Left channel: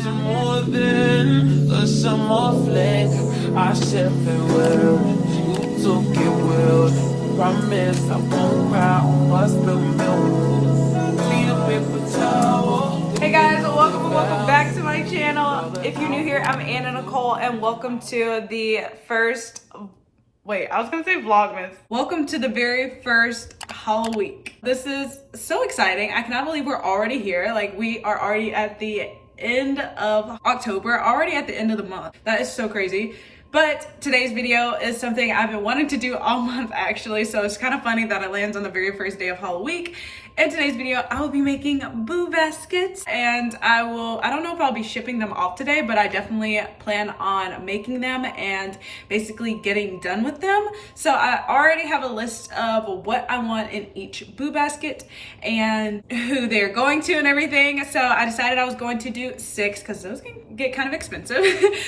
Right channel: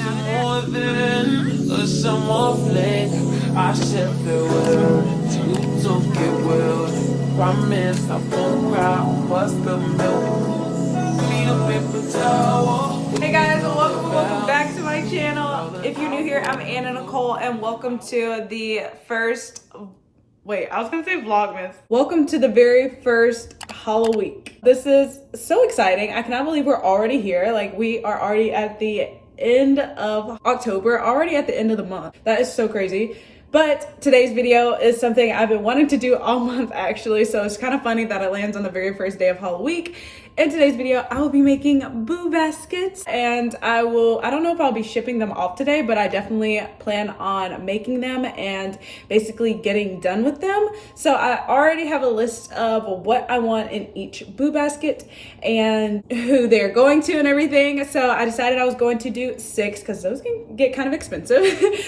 hanging out of there. A summer flex, I said farewell. You took it well. Promise I won't cry, bust the milk. Need a paper towel. Hey guys, welcome back to my channel. If you're new here, I'm Anna Nicole, and welcome to the first, wait, I was gonna say Vlogmas. Welcome to the very first HALLOWEEK. This is so exciting. I cannot believe we're already here. Like, we are already at the end of October, already at the end of the month. That is so crazy. But today's video is something I've been wanting to do all month actually, so it's kind of funny that it lands on the very first day of HALLOWEEK. In today's video, I will be making boo baskets, and I don't know if I'll be shipping them off today, but I definitely plan on making them and basically getting done with them. So I already have a list of what I want in each boo basket and who they're going to and everything. So I decided I was going to do 6 because those can get kind of expensive.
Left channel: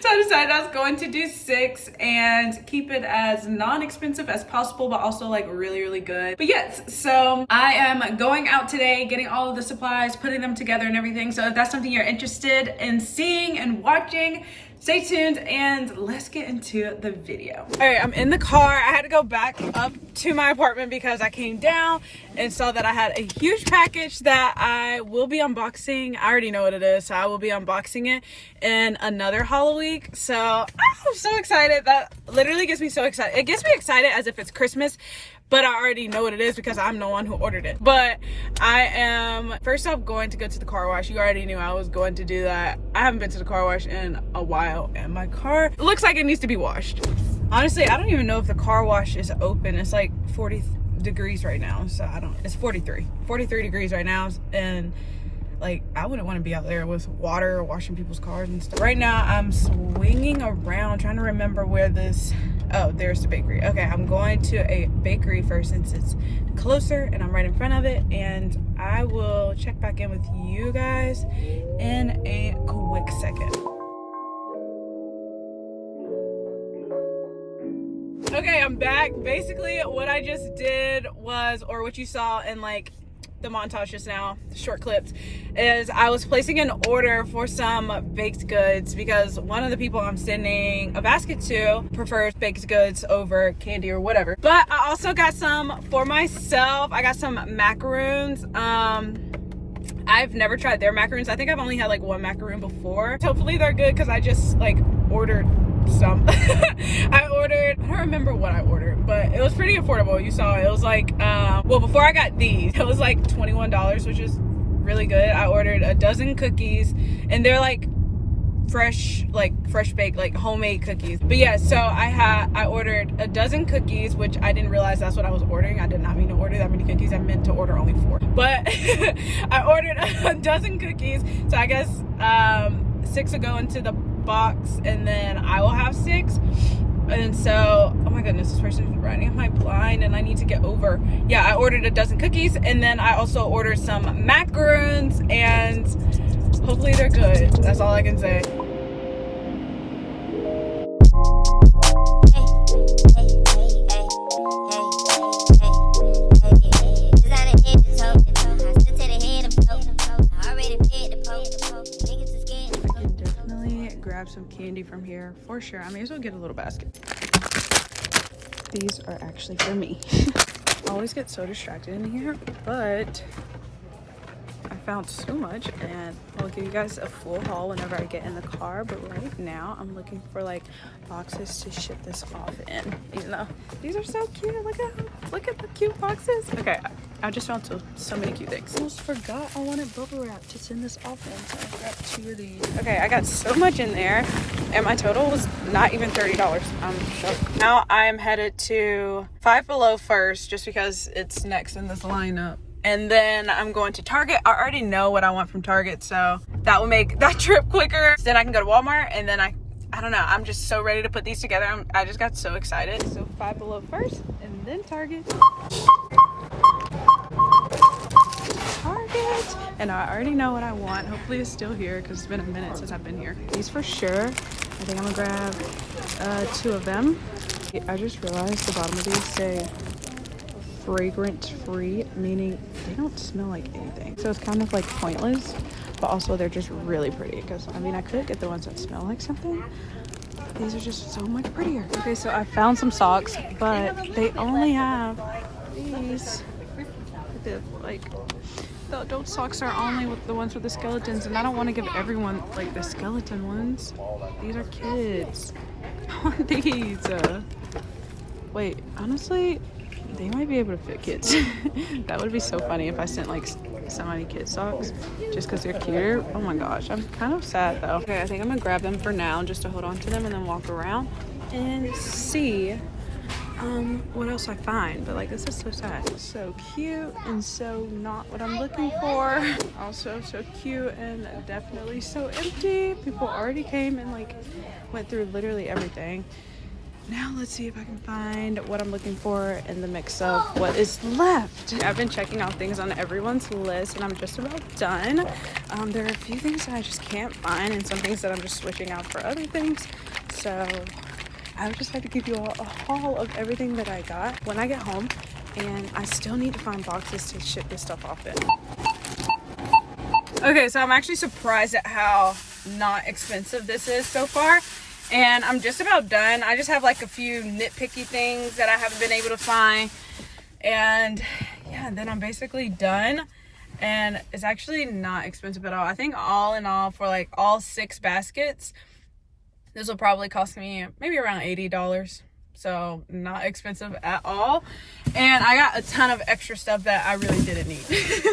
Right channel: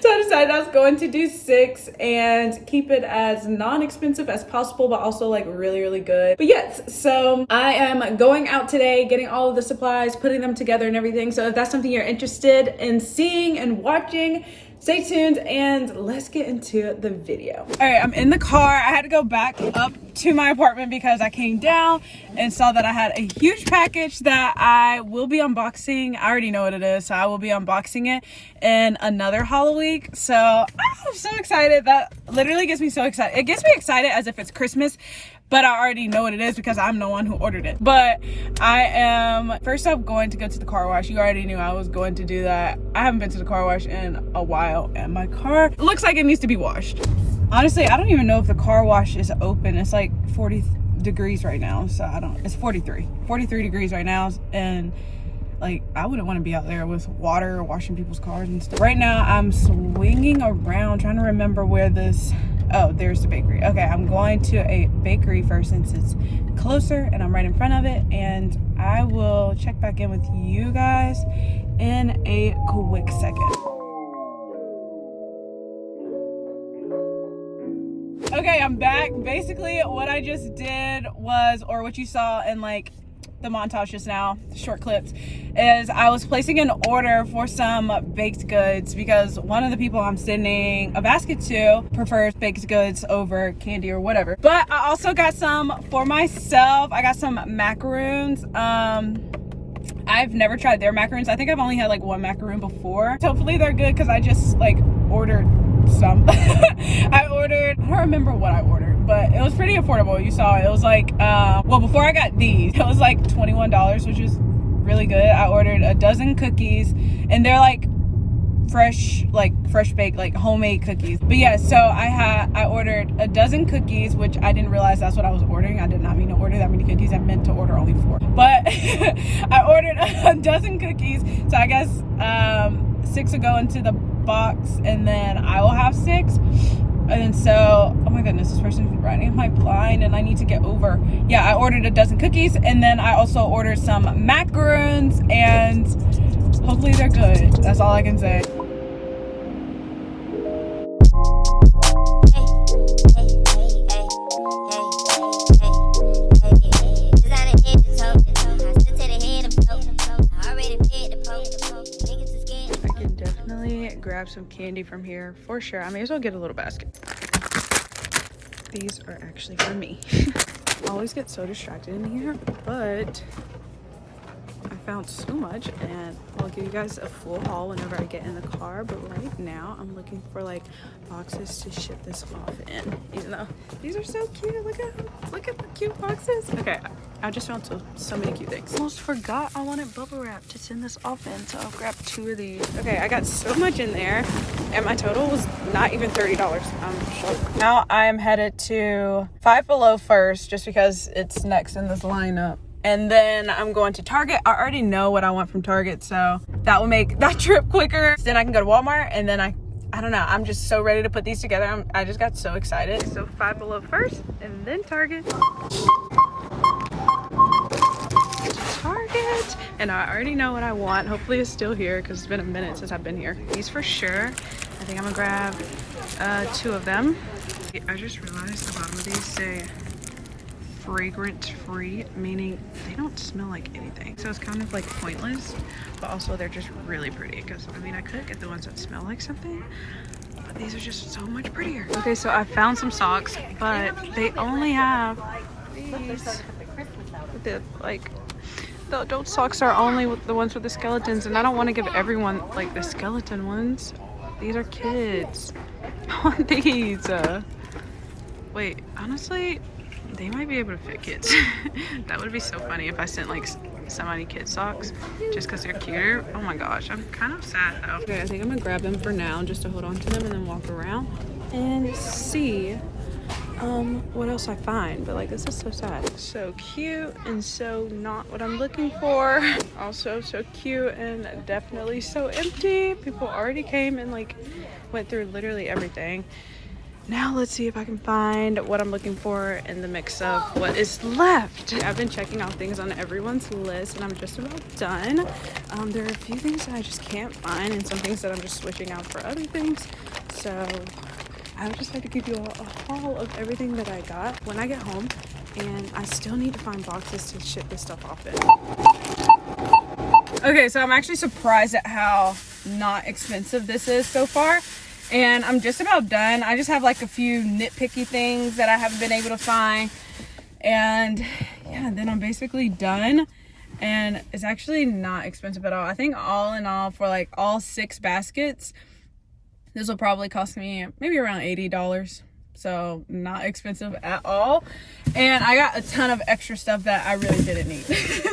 So I decided I was going to do 6 and keep it as non-expensive as possible, but also like really, really good. But yes, so I am going out today, getting all of the supplies, putting them together and everything. So if that's something you're interested in seeing and watching, stay tuned and let's get into the video. All right, I'm in the car. I had to go back up to my apartment because I came down and saw that I had a huge package that I will be unboxing. I already know what it is, so I will be unboxing it in another HALLOWEEK. So I'm so excited. That literally gets me so excited. It gets me excited as if it's Christmas, but I already know what it is because I'm the one who ordered it. But I am first off going to go to the car wash. You already knew I was going to do that. I haven't been to the car wash in a while and my car looks like it needs to be washed. Honestly, I don't even know if the car wash is open. It's like 40 degrees right now, so it's 43 degrees right now, and like I wouldn't want to be out there with water washing people's cars and stuff. Right now I'm swinging around trying to remember where this, oh, there's the bakery. Okay, I'm going to a bakery first since it's closer and I'm right in front of it, and I will check back in with you guys in a quick second. Okay, I'm back. Basically what I just did was, or what you saw in like the montage just now, short clips, is I was placing an order for some baked goods because one of the people I'm sending a basket to prefers baked goods over candy or whatever. But I also got some for myself. I got some macaroons. I've never tried their macaroons. I think I've only had like one macaroon before. Hopefully they're good because I just like ordered some. I don't remember what I ordered, but it was pretty affordable. You saw it was like well, before I got these it was like $21, which is really good. I ordered a dozen cookies and they're like fresh baked, like homemade cookies. But yeah, so I ordered a dozen cookies, which I didn't realize that's what I was ordering. I did not mean to order that many cookies. I meant to order only 4, but I ordered a dozen cookies, so I guess 6 will go into the box and then I will have 6. And so, oh my goodness, this person is riding in my blind and I need to get over. Yeah, I ordered a dozen cookies and then I also ordered some macaroons, and hopefully they're good. That's all I can say. Grab some candy from here for sure. I may as well get a little basket. These are actually for me. I always get so distracted in here, but I found so much and I'll give you guys a full haul whenever I get in the car. But right now I'm looking for like boxes to ship this off in, even though these are so cute. Look at the cute boxes. Okay, I just found so many cute things. Almost forgot I wanted bubble wrap to send this off in, so I'll grab 2 of these. Okay, I got so much in there and my total was not even $30. I'm shocked. Now I am headed to Five Below first just because it's next in this lineup. And then I'm going to Target. I already know what I want from Target, so that will make that trip quicker. Then I can go to Walmart, and then I don't know. I'm just so ready to put these together. I just got so excited. So Five Below first, and then Target. Target. And I already know what I want. Hopefully it's still here because it's been a minute since I've been here. These for sure. I think I'm gonna grab 2 of them. I just realized the bottom of these say fragrance free, meaning they don't smell like anything, so it's kind of like pointless. but also they're just really pretty because I mean I could get the ones that smell like something, but these are just so much prettier. Okay, so I found some socks, but they only have these with the like the adult socks are only with the ones with the skeletons, and I don't want to give everyone like the skeleton ones. These are kids. I want these. Wait, honestly, they might be able to fit kids. That would be so funny if I sent like so many kid socks just because they're cuter. Oh my gosh, I'm kind of sad though. Okay, I think I'm gonna grab them for now just to hold on to them and then walk around and see what else I find. But like, this is so sad. So cute and so not what I'm looking for. Also so cute and definitely so empty. People already came and like went through literally everything. Now let's see if I can find what I'm looking for in the mix of what is left. I've been checking out things on everyone's list and I'm just about done. There are a few things that I just can't find and some things that I'm just switching out for other things. So I would just like to give you all a haul of everything that I got when I get home, and I still need to find boxes to ship this stuff off in. Okay, so I'm actually surprised at how not expensive this is so far. And I'm just about done. I just have like a few nitpicky things that I haven't been able to find. And yeah, then I'm basically done. And it's actually not expensive at all. I think all in all for like all 6 baskets, this will probably cost me maybe around $80. So not expensive at all. And I got a ton of extra stuff that I really didn't need.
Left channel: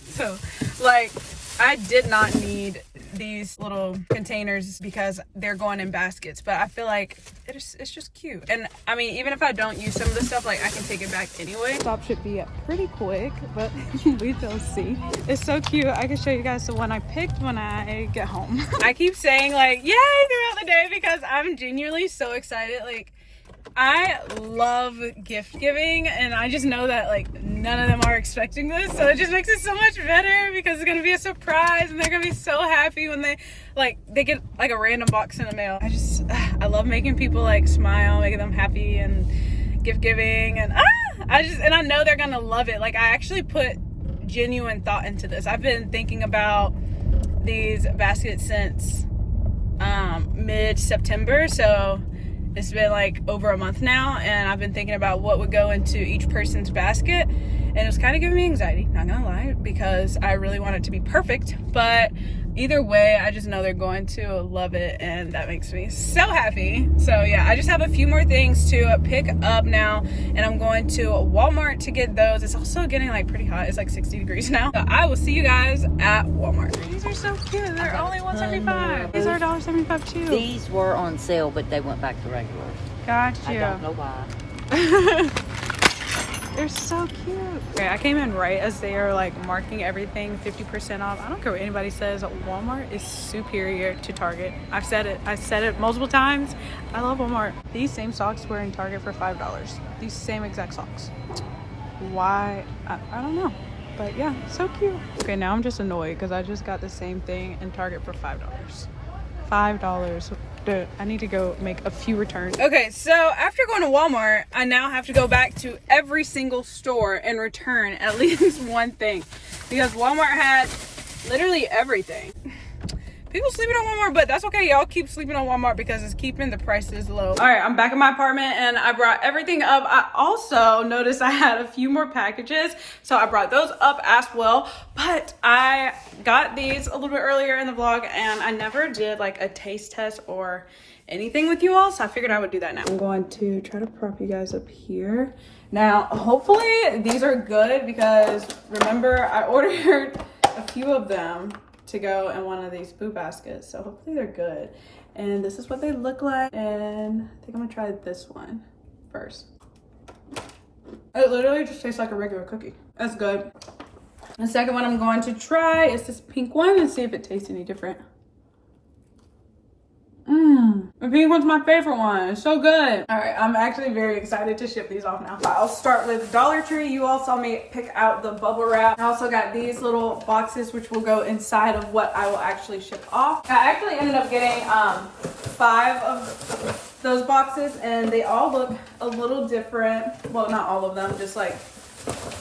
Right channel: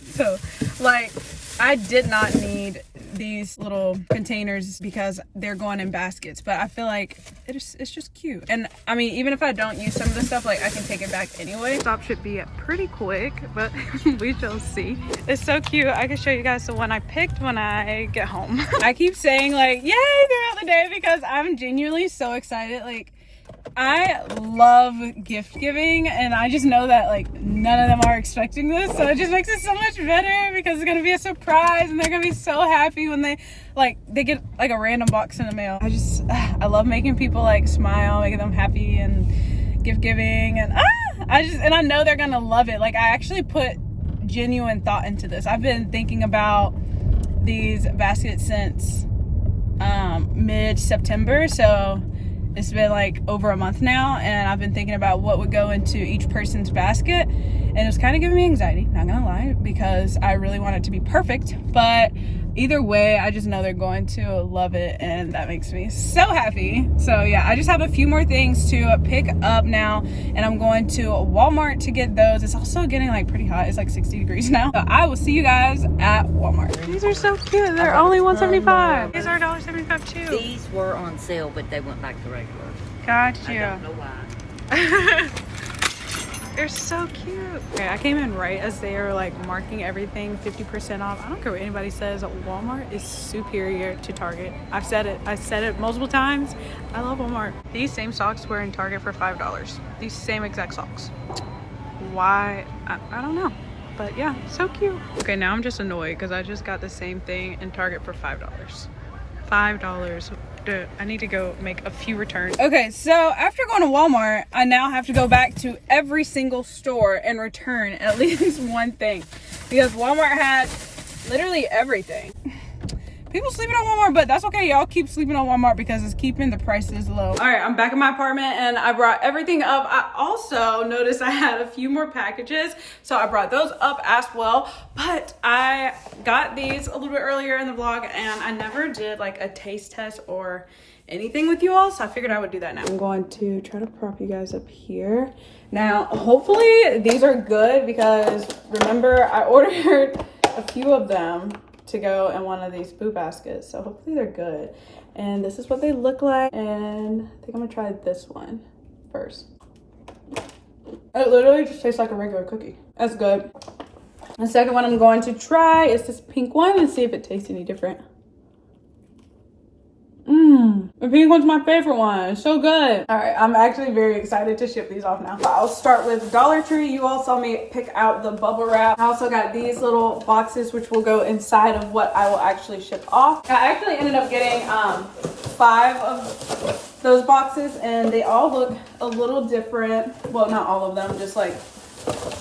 So like, I did not need these little containers because they're going in baskets, but I feel like it's just cute. And I mean, even if I don't use some of the stuff, like I can take it back anyway. Stop should be pretty quick, but we shall see. It's so cute. I can show you guys the one I picked when I get home. I keep saying like yay throughout the day because I'm genuinely so excited. Like, I love gift giving, and I just know that like none of them are expecting this, so it just makes it so much better because it's gonna be a surprise and they're gonna be so happy when they get like a random box in the mail. I love making people like smile, making them happy and gift giving, and I know they're gonna love it. Like, I actually put genuine thought into this. I've been thinking about these baskets since mid-September, so it's been like over a month now, and I've been thinking about what would go into each person's basket, and it's kind of giving me anxiety, not gonna lie, because I really want it to be perfect. But either way, I just know they're going to love it, and that makes me so happy. So yeah, I just have a few more things to pick up now, and I'm going to Walmart to get those. It's also getting like pretty hot. It's like 60 degrees now. So I will see you guys at Walmart. These are so cute. They're only $1.75. These are $1.75 too. These were on sale, but they went back to regular. Gotcha. I don't know why. They're so cute. Okay, I came in right as they are like marking everything 50% off. I don't care what anybody says, Walmart is superior to Target. I've said it multiple times. I love Walmart. These same socks were in Target for $5. These same exact socks. Why? I don't know. But yeah, so cute. Okay, now I'm just annoyed because I just got the same thing in Target for $5. $5. I need to go make a few returns. Okay, so after going to Walmart, I now have to go back to every single store and return at least one thing, because Walmart has literally everything. People sleeping on Walmart, but that's okay. Y'all keep sleeping on Walmart because it's keeping the prices low. All right, I'm back in my apartment and I brought everything up. I also noticed I had a few more packages, so I brought those up as well. But I got these a little bit earlier in the vlog and I never did like a taste test or anything with you all, so I figured I would do that now. I'm going to try to prop you guys up here. Now, hopefully these are good because remember I ordered a few of them to go in one of these food baskets, so hopefully they're good. And this is what they look like, and I think I'm gonna try this one first. It literally just tastes like a regular cookie. That's good. The second one I'm going to try is this pink one and see if it tastes any different. The pink one's my favorite one. It's so good. All right, I'm actually very excited to ship these off now. I'll start with Dollar Tree. You all saw me pick out the bubble wrap. I also got these little boxes which will go inside of what I will actually ship off. I actually ended up getting 5 of those boxes and they all look a little different. Well, not all of them, just like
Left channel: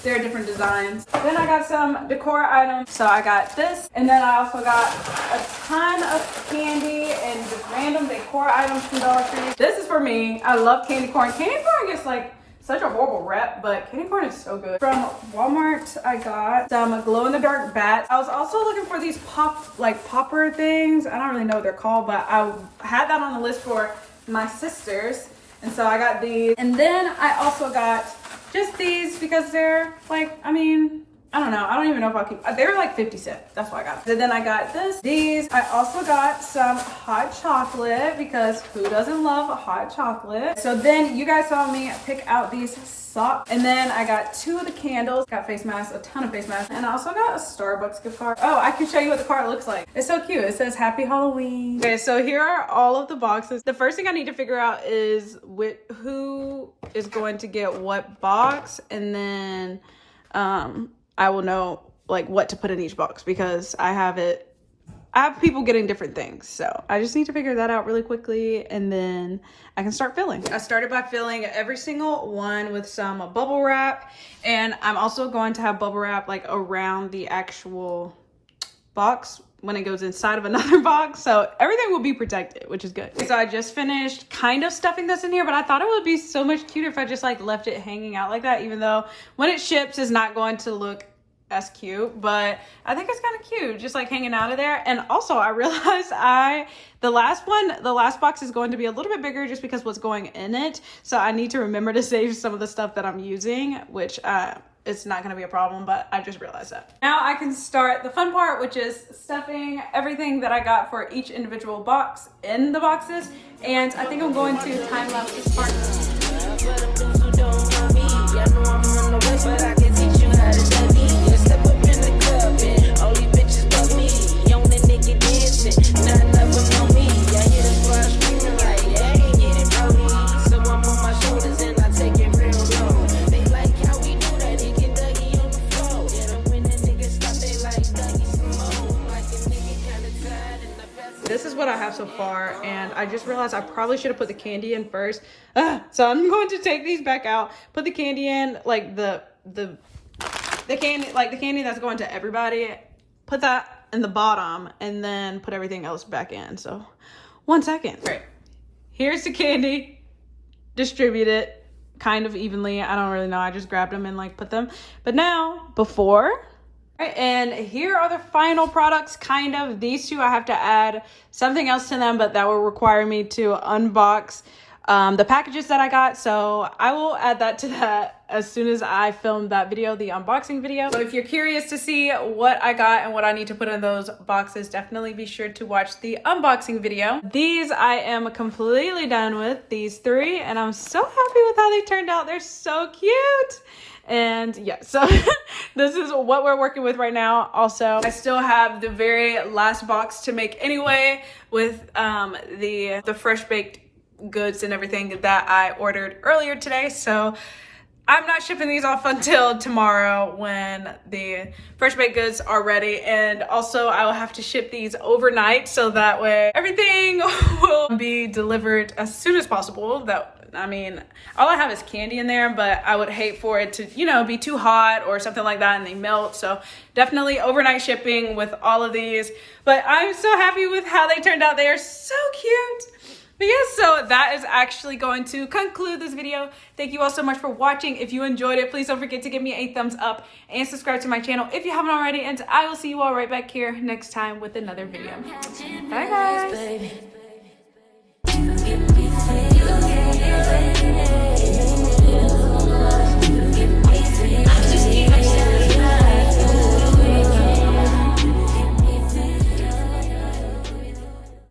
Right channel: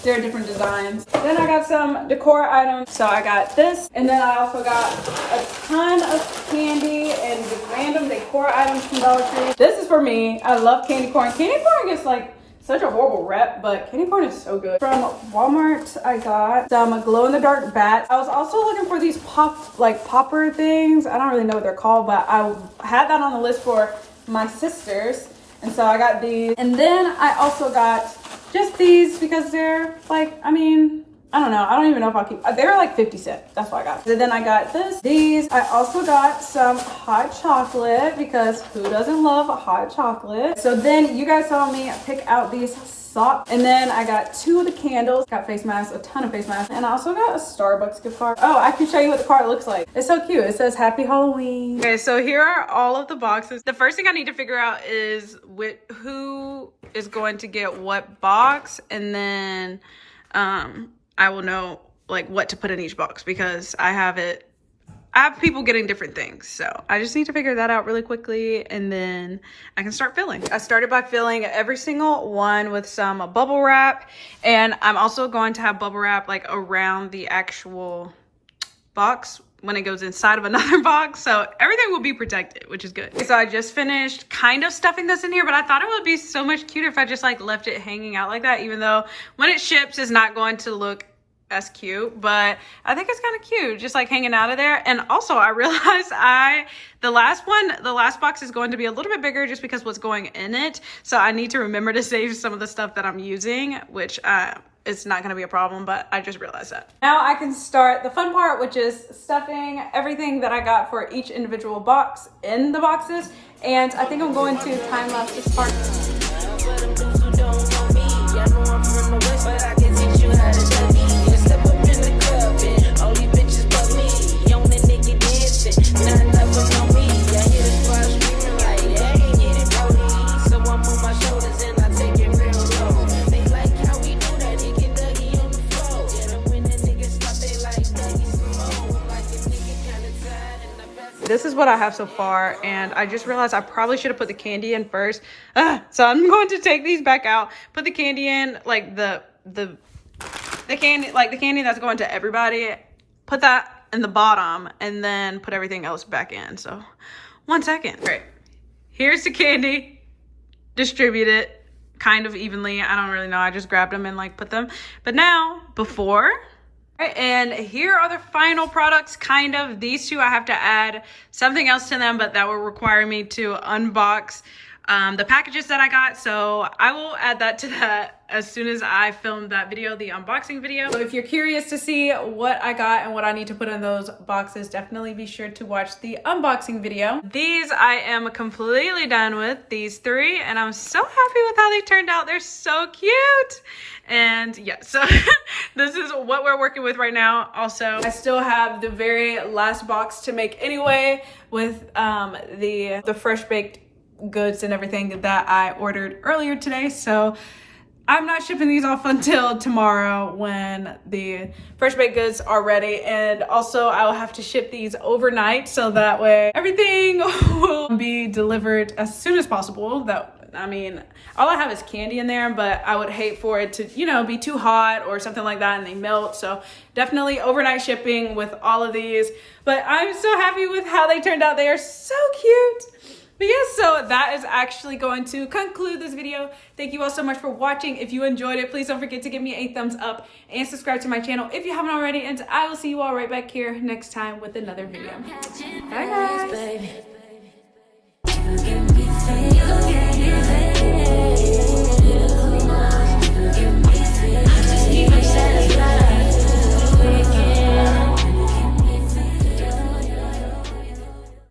There are different designs. Then I got some decor items. So I got this, and then I also got a ton of candy and just random decor items from Dollar Tree. This is for me. I love candy corn. Candy corn gets like such a horrible rep, but candy corn is so good. From Walmart, I got some glow-in-the-dark bats. I was also looking for these popper things. I don't really know what they're called, but I had that on the list for my sisters. And so I got these. And then I also got just these because they're like, I mean, I don't know. I don't even know if I'll keep, they were like 50 cents. That's why I got them. And then I got these. I also got some hot chocolate because who doesn't love hot chocolate? So then you guys saw me pick out these socks. And then I got 2 of the candles. Got face masks, a ton of face masks. And I also got a Starbucks gift card. Oh, I can show you what the card looks like. It's so cute. It says Happy Halloween. Okay, so here are all of the boxes. The first thing I need to figure out is who is going to get what box. And then, I will know like what to put in each box because I have people getting different things. So I just need to figure that out really quickly and then I can start filling. I started by filling every single one with some bubble wrap, and I'm also going to have bubble wrap like around the actual box when it goes inside of another box. So everything will be protected, which is good. So I just finished kind of stuffing this in here, but I thought it would be so much cuter if I just like left it hanging out like that, even though when it ships it's not going to look as cute, but I think it's kind of cute just like hanging out of there. And also I realized the last box is going to be a little bit bigger just because what's going in it. So I need to remember to save some of the stuff that I'm using, which it's not going to be a problem, but I just realized that. Now I can start the fun part, which is stuffing everything that I got for each individual box in the boxes. And I think I'm going to time lapse this part. This is what I have so far, and I just realized I probably should have put the candy in first. So I'm going to take these back out, put the candy in, like the candy that's going to everybody, put that in the bottom, and then put everything else back in. So 1 second. All right, here's the candy. Distribute it kind of evenly. I don't really know. I just grabbed them and like put them. But now before. Right, and here are the final products, kind of. These two I have to add something else to them, but that will require me to unbox the packages that I got. So I will add that to that as soon as I film that video, the unboxing video. So if you're curious to see what I got and what I need to put in those boxes, definitely be sure to watch the unboxing video. These I am completely done with, these 3, and I'm so happy with how they turned out. They're so cute. And yeah, so this is what we're working with right now. Also, I still have the very last box to make anyway with the fresh baked goods and everything that I ordered earlier today. So I'm not shipping these off until tomorrow when the fresh baked goods are ready. And also I will have to ship these overnight so that way everything will be delivered as soon as possible. I mean, all I have is candy in there, but I would hate for it to, you know, be too hot or something like that and they melt. So definitely overnight shipping with all of these. But I'm so happy with how they turned out. They are so cute. But yeah, so that is actually going to conclude this video. Thank you all so much for watching. If you enjoyed it, please don't forget to give me a thumbs up and subscribe to my channel if you haven't already. And I will see you all right back here next time with another video. Bye guys.